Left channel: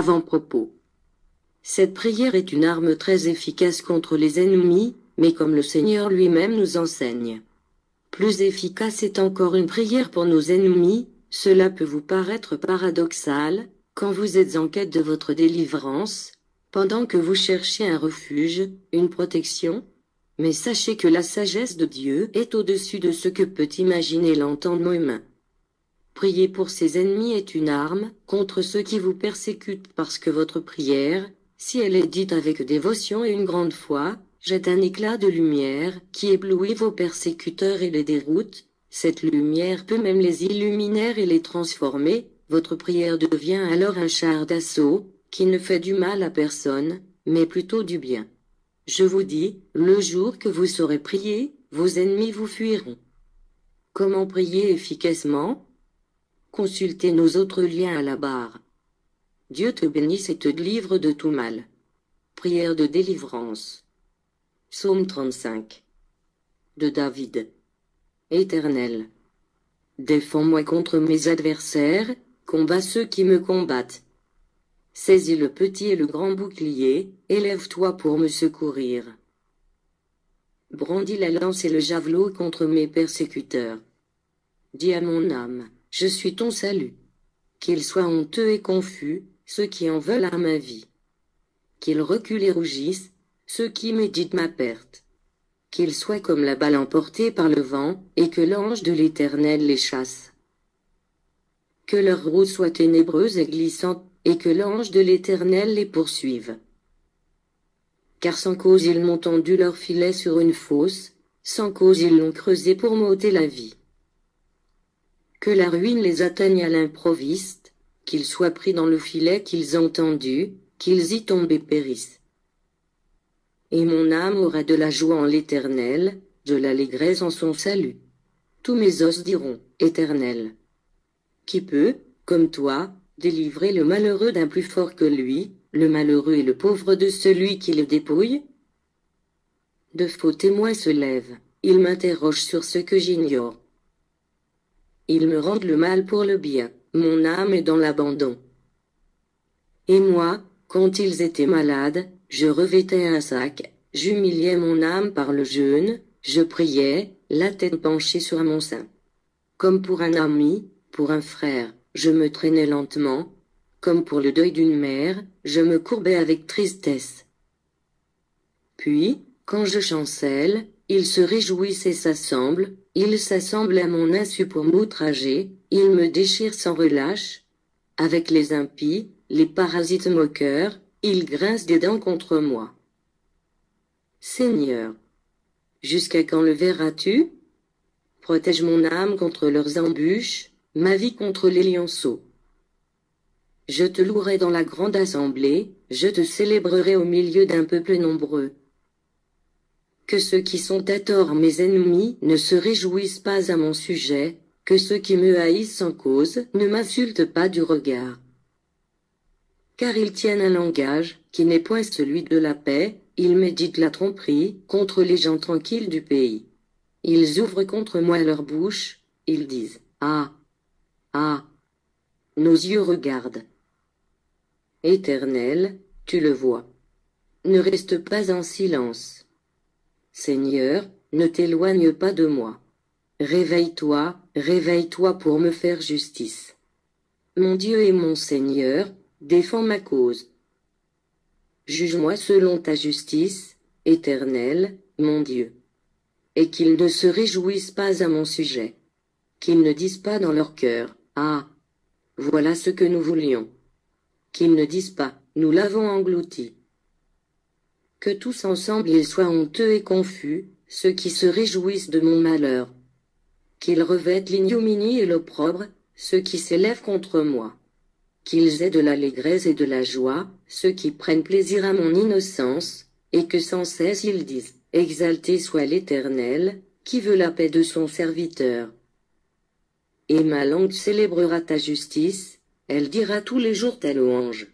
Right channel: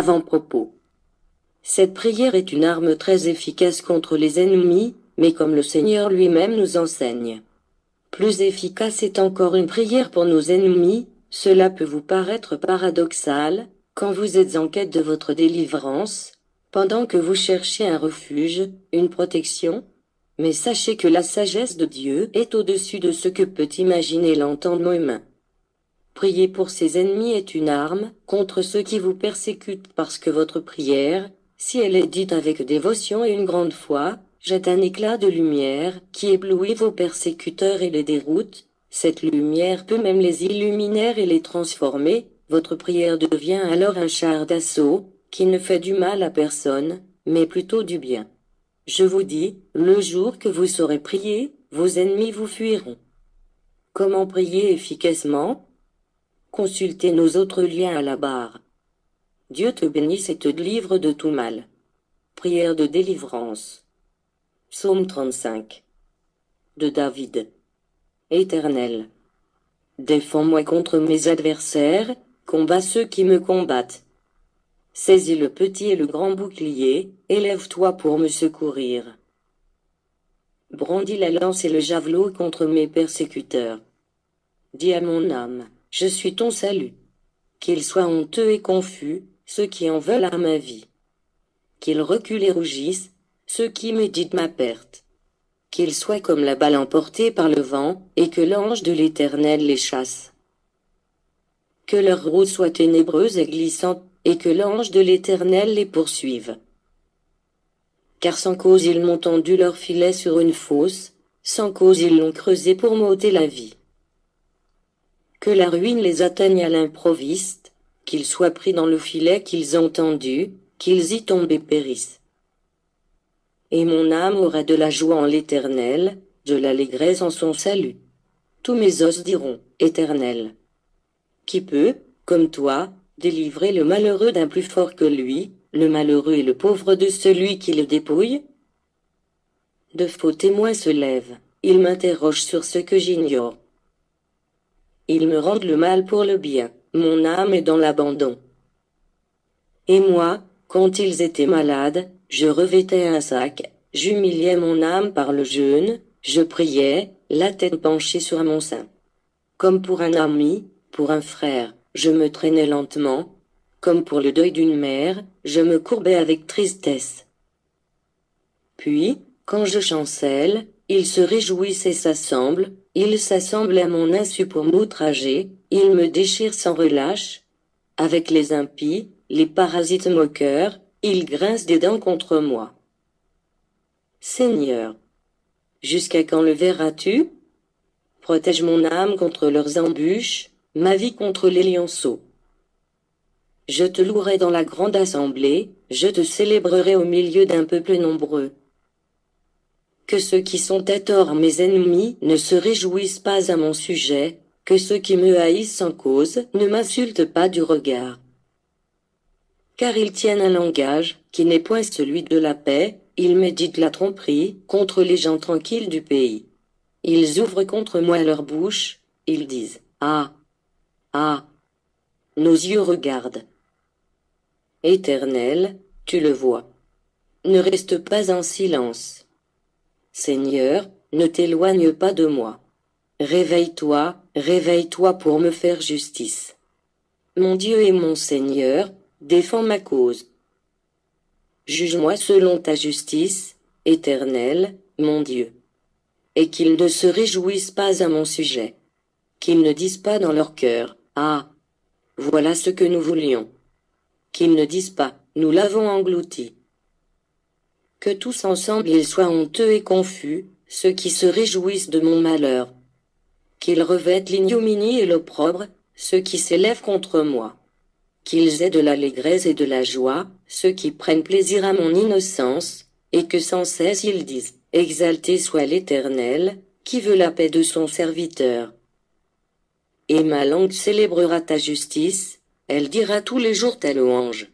Avant-propos. Cette prière est une arme très efficace contre les ennemis, mais comme le Seigneur lui-même nous enseigne. Plus efficace est encore une prière pour nos ennemis. Cela peut vous paraître paradoxal, quand vous êtes en quête de votre délivrance, pendant que vous cherchez un refuge, une protection. Mais sachez que la sagesse de Dieu est au-dessus de ce que peut imaginer l'entendement humain. Prier pour ses ennemis est une arme contre ceux qui vous persécutent parce que votre prière, si elle est dite avec dévotion et une grande foi, jette un éclat de lumière qui éblouit vos persécuteurs et les déroute. Cette lumière peut même les illuminer et les transformer. Votre prière devient alors un char d'assaut qui ne fait du mal à personne, mais plutôt du bien. Je vous dis, le jour que vous saurez prier, vos ennemis vous fuiront. Comment prier efficacement? Consultez nos autres liens à la barre. Dieu te bénisse et te délivre de tout mal. Prière de délivrance. Psaume 35. De David. Éternel, défends-moi contre mes adversaires, combats ceux qui me combattent. Saisis le petit et le grand bouclier, élève-toi pour me secourir. Brandis la lance et le javelot contre mes persécuteurs. Dis à mon âme, je suis ton salut. Qu'ils soient honteux et confus, ceux qui en veulent à ma vie. Qu'ils reculent et rougissent, ceux qui méditent ma perte. Qu'ils soient comme la balle emportée par le vent, et que l'ange de l'Éternel les chasse. Que leur route soit ténébreuse et glissante, et que l'ange de l'Éternel les poursuive. Car sans cause ils m'ont tendu leur filet sur une fosse, sans cause ils l'ont creusé pour m'ôter la vie. Que la ruine les atteigne à l'improviste, qu'ils soient pris dans le filet qu'ils ont tendu, qu'ils y tombent et périssent. Et mon âme aura de la joie en l'Éternel, de l'allégresse en son salut. Tous mes os diront, Éternel. Qui peut, comme toi, délivrer le malheureux d'un plus fort que lui, le malheureux et le pauvre de celui qui le dépouille? De faux témoins se lèvent, ils m'interrogent sur ce que j'ignore. Ils me rendent le mal pour le bien, mon âme est dans l'abandon. Et moi, quand ils étaient malades, je revêtais un sac, j'humiliais mon âme par le jeûne, je priais, la tête penchée sur mon sein. Comme pour un ami, pour un frère, je me traînais lentement, comme pour le deuil d'une mère, je me courbais avec tristesse. Puis, quand je chancelle, ils se réjouissent et s'assemblent, ils s'assemblent à mon insu pour m'outrager, ils me déchirent sans relâche. Avec les impies, les parasites moqueurs, ils grincent des dents contre moi. Seigneur, jusqu'à quand le verras-tu? Protège mon âme contre leurs embûches, ma vie contre les lionceaux. Je te louerai dans la grande assemblée, je te célébrerai au milieu d'un peuple nombreux. Que ceux qui sont à tort mes ennemis ne se réjouissent pas à mon sujet, que ceux qui me haïssent sans cause ne m'insultent pas du regard. Car ils tiennent un langage qui n'est point celui de la paix, ils méditent la tromperie contre les gens tranquilles du pays. Ils ouvrent contre moi leur bouche, ils disent « Ah! Ah! » Nos yeux regardent. Éternel, tu le vois. Ne reste pas en silence. Seigneur, ne t'éloigne pas de moi. Réveille-toi, réveille-toi pour me faire justice. Mon Dieu et mon Seigneur, défends ma cause. Juge-moi selon ta justice, Éternel, mon Dieu. Et qu'ils ne se réjouissent pas à mon sujet. Qu'ils ne disent pas dans leur cœur, « Ah! Voilà ce que nous voulions. » Qu'ils ne disent pas, « Nous l'avons englouti. » Que tous ensemble ils soient honteux et confus, ceux qui se réjouissent de mon malheur. Qu'ils revêtent l'ignominie et l'opprobre, ceux qui s'élèvent contre moi. Qu'ils aient de l'allégresse et de la joie, ceux qui prennent plaisir à mon innocence, et que sans cesse ils disent, « Exalté soit l'Éternel, qui veut la paix de son serviteur. » Et ma langue célébrera ta justice, elle dira tous les jours ta louange.